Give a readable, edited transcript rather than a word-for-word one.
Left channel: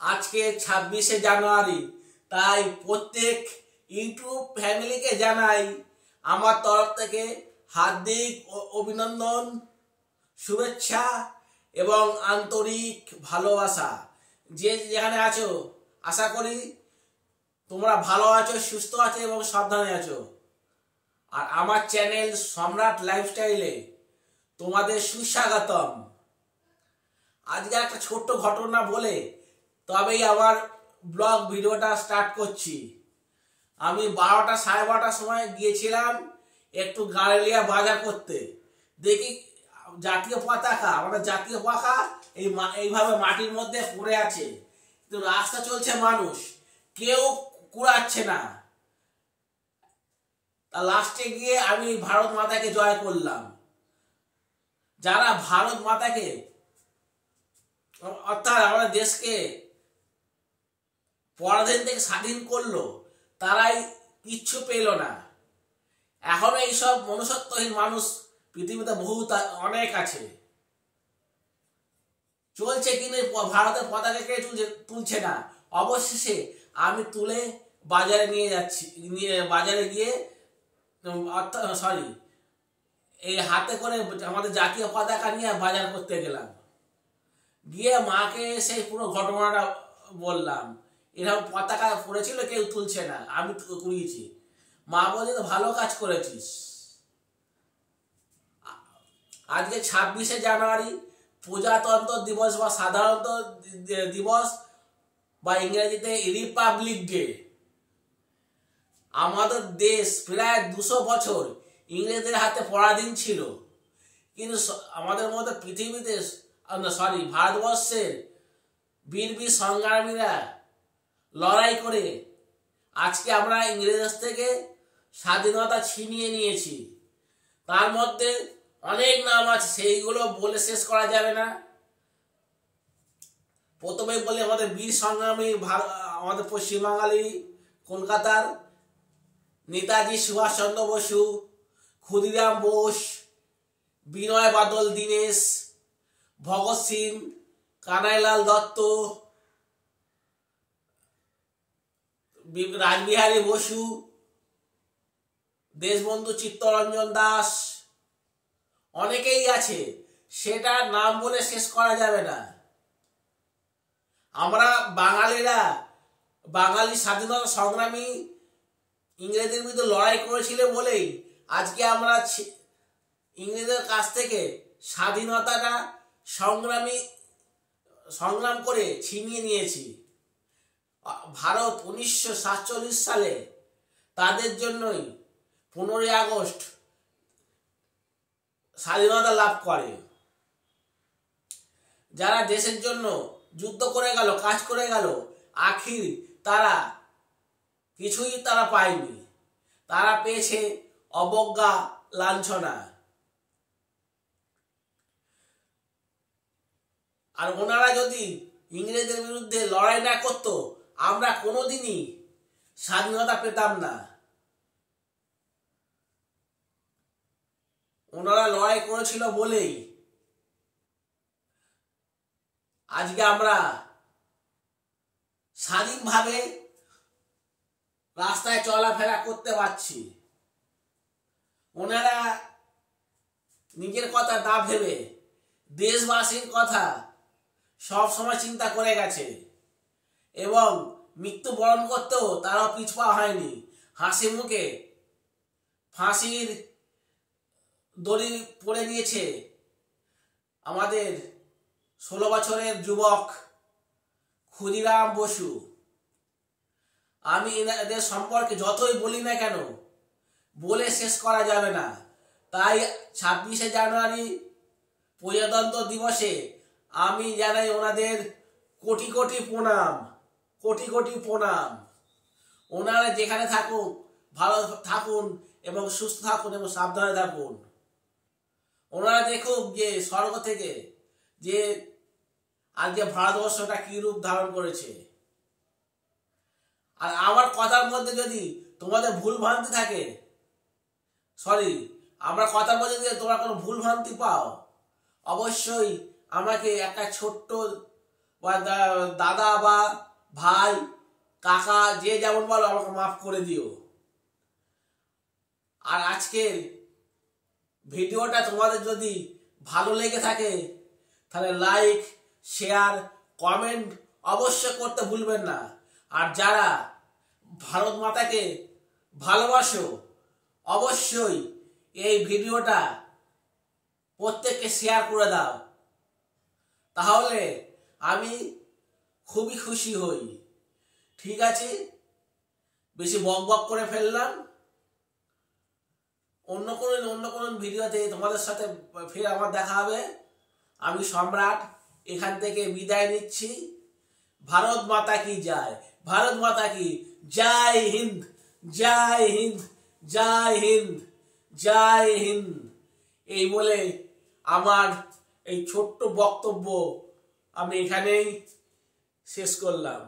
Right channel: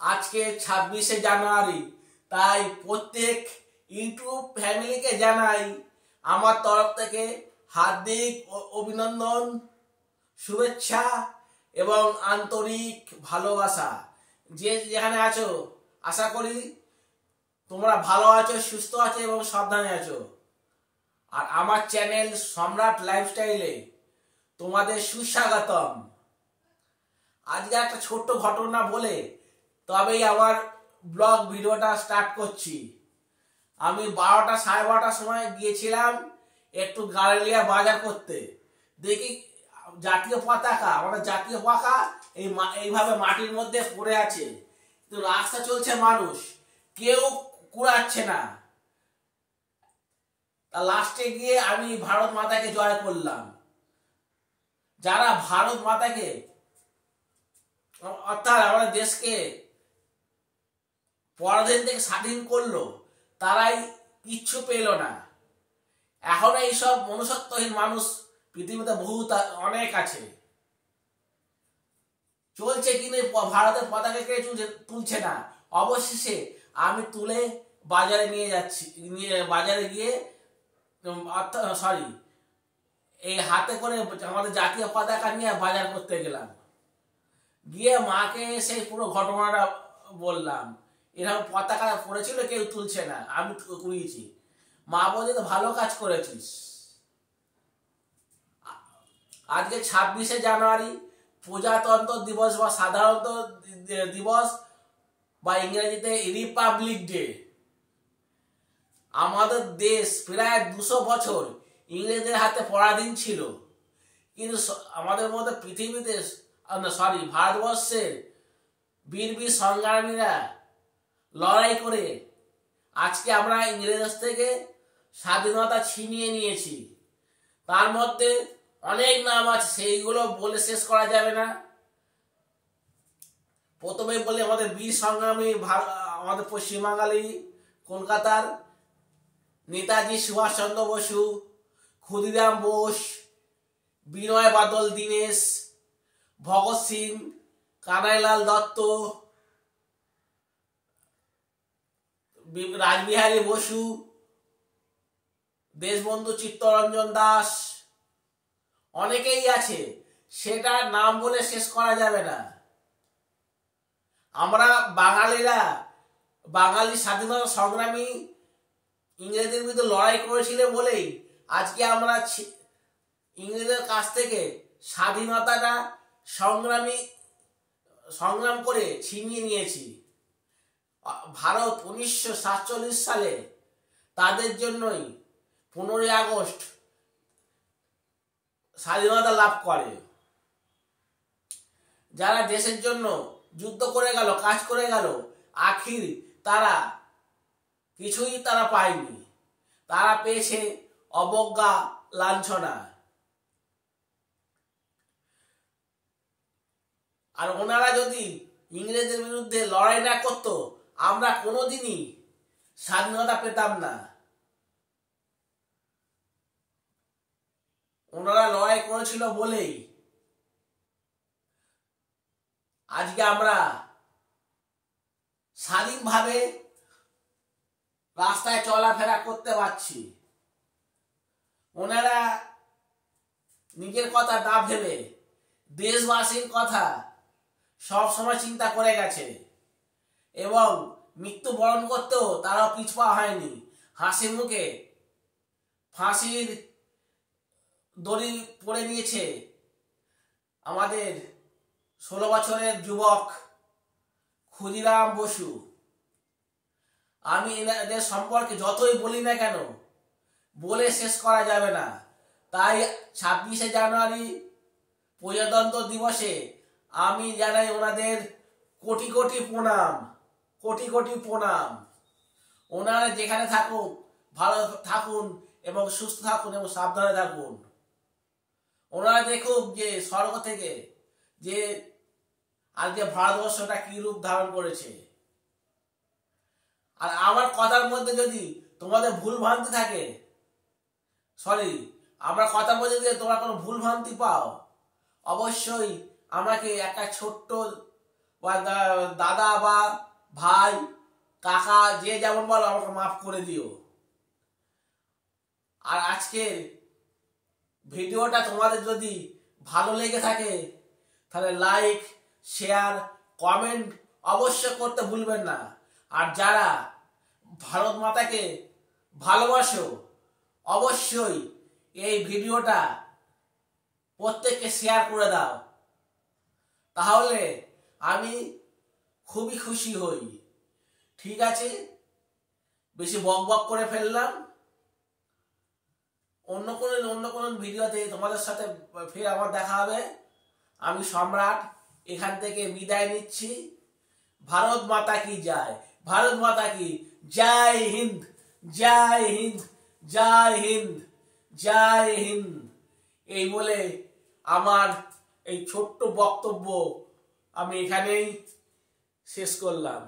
আজকে 26শে জানুয়ারি, তাই প্রত্যেক ইউটিউব ফ্যামিলিকে জানাই আমার তরফ থেকে হার্দিক অভিনন্দন, শুভেচ্ছা এবং আন্তরিক ভালোবাসা। যে যেখানে আছো আশা করি তোমরা ভালো আছো, সুস্থ আছো এবং সাবধানে আছো। আর আমার চ্যানেল সম্রাট লাইফস্টাইলে তোমাদের সুস্বাগতম। আজকে একটা ছোট্ট ঘটনা বলে তবেই আমার ব্লগ ভিডিওটা স্টার্ট করছি। আমি 12টা সাড়ে 12টার সময় গিয়েছিলাম একটু গাড়িলিয়া বাজার করতে। দেখি জাতীয় পতাকা, আমাদের জাতীয় পতাকা এইভাবে মাটির মধ্যে পড়ে আছে, কিন্তু রাস্তা চলছে, মানুষ কেউ কুড়াচ্ছে না। লাস্টে গিয়ে আমি ভারত মাতাকে জয় করলাম। যারা ভারত মাতাকে অর্থাৎ আমাদের দেশকে পরাধীন থেকে স্বাধীন করলো, তারাই কিচ্ছু পেল না। এখন এইসব মনুষ্যত্বহীন মানুষ পৃথিবীতে বহুত অনেক আছে। চলছে কিন্তু ভারতের পতাকা কে তুলছে না। অবশেষে আমি তুলে বাজারে নিয়ে যাচ্ছি, বাজারে গিয়ে এই হাতে করে আমাদের জাতীয় পতাকা নিয়ে বাজার করতে গেলাম। গিয়ে মাকে সেই পুরো ঘটনাটা বললাম, এরকম পতাকা পড়েছিল, কেউ তুলছে না, আমি কুড়িয়েছি। মা বলে তো ভালো কাজ করেছিস। আজকে 26শে জানুয়ারি প্রজাতন্ত্র দিবস বা সাধারণত দিবস বা ইংরেজিতে রিপাবলিক ডে। আমাদের দেশ প্রায় 200 বছর ইংরেজদের হাতে পরাধীন ছিল, কিন্তু আমাদের মধ্যে পৃথিবীতে ভারতবর্ষের বীর বীর সংগ্রামীরা লড়াই করে আজকে আমরা ইংরেজ থেকে স্বাধীনতা ছিনিয়ে নিয়েছি। তার মধ্যে অনেক নাম আছে, সেইগুলো বলে শেষ করা যাবে না। প্রথমে বলে আমাদের বীর সংগ্রামী, আমাদের পশ্চিমবাঙালি কলকাতার নেতাজি সুভাষচন্দ্র বসু, ক্ষুদিরাম বোস, বিনয় বাদল দীনেশ, ভগৎ সিং, কানাইলাল দত্ত, রাসবিহারী বসু, দেশবন্ধু চিত্তরঞ্জন দাস, অনেকেই আছে, সেটার নাম বলে শেষ করা যাবে না। আমরা বাঙালিরা, বাঙালি স্বাধীনতা সংগ্রামী ইংরেজদের বিরুদ্ধে লড়াই করেছিল বলেই আজকে আমরা ইংরেজদের কাছ থেকে স্বাধীনতাটা সংগ্রাম করে ছিনিয়ে নিয়েছি। ভারত 1947 সালে তাদের জন্যই 15ই আগস্ট স্বাধীনতা লাভ করে। যারা দেশের জন্য যুদ্ধ করে গেল, কাজ করে গেল, আখির তারা কিছুই পায়নি। তারা পেয়েছে অবজ্ঞা, লাঞ্ছনা। আর ওনারা যদি ইংরেজের বিরুদ্ধে লড়াই না করতো, আমরা কোনোদিনই স্বাধীনতা পেতাম না। ওনারা লড়াই করেছিল বলেই আজকে আমরা স্বাধীনভাবে রাস্তায় চলাফেরা করতে পারছি। ওনারা নিজের কথা না ভেবে দেশবাসীর কথা সব সময় চিন্তা করে গেছে এবং মৃত্যুবরণ করতেও তারা পিছপা হয়নি। হাসি মুখে ফাঁসির দড়ি পড়ে নিয়েছে আমাদের 16 বছরের যুবক ক্ষুদিরাম বসু। আমি এদের সম্পর্কে যতই বলি না কেন, বলে শেষ করা যাবে না। তাই 26শে জানুয়ারি প্রজাতন্ত্র দিবসে আমি জানাই ওনাদের কোটি কোটি প্রণাম, কোটি কোটি প্রণাম। ওনারা যেখানে থাকুক ভালো থাকুন এবং সুস্থ থাকুন এবং সাবধানে থাকুন। ওনারা দেখুক যে স্বর্গ থেকে যে আজকে ভারতবর্ষটা কি রূপ ধারণ করেছে। আর আমার কথার মধ্যে যদি তোমাদের ভুল ভ্রান্তি থাকে, আমার কথার মধ্যে যদি তোমরা কোনো ভুল ভ্রান্তি পাও, অবশ্যই আমাকে একটা ছোট্ট বা দাদা বা ভাই কাকা যে যেমন বলো আমাকে মাফ করে দিও। আর আজকের ভিডিওটা তোমাদের যদি ভালো লেগে থাকে তাহলে লাইক শেয়ার কমেন্ট অবশ্যই করতে ভুলবেন না। আর যারা ভারত মাতাকে ভালোবাসো অবশ্যই এই ভিডিওটা প্রত্যেককে শেয়ার করে দাও, তাহলে আমি খুবই খুশি হই। ঠিক আছে, বেশি বক বক করে ফেললাম। অন্য কোনো ভিডিওতে তোমাদের সাথে ফের আমার দেখা হবে। আমি সম্রাট এখান থেকে বিদায় নিচ্ছি। ভারত মাতা কি জয়, ভারত মাতা কি জয় হিন্দ, জয় হিন্দ, জয় হিন্দ, জয় হিন্দ। এই বলে আমার এই ছোট্ট বক্তব্য আমি এখানেই শেষ করলাম।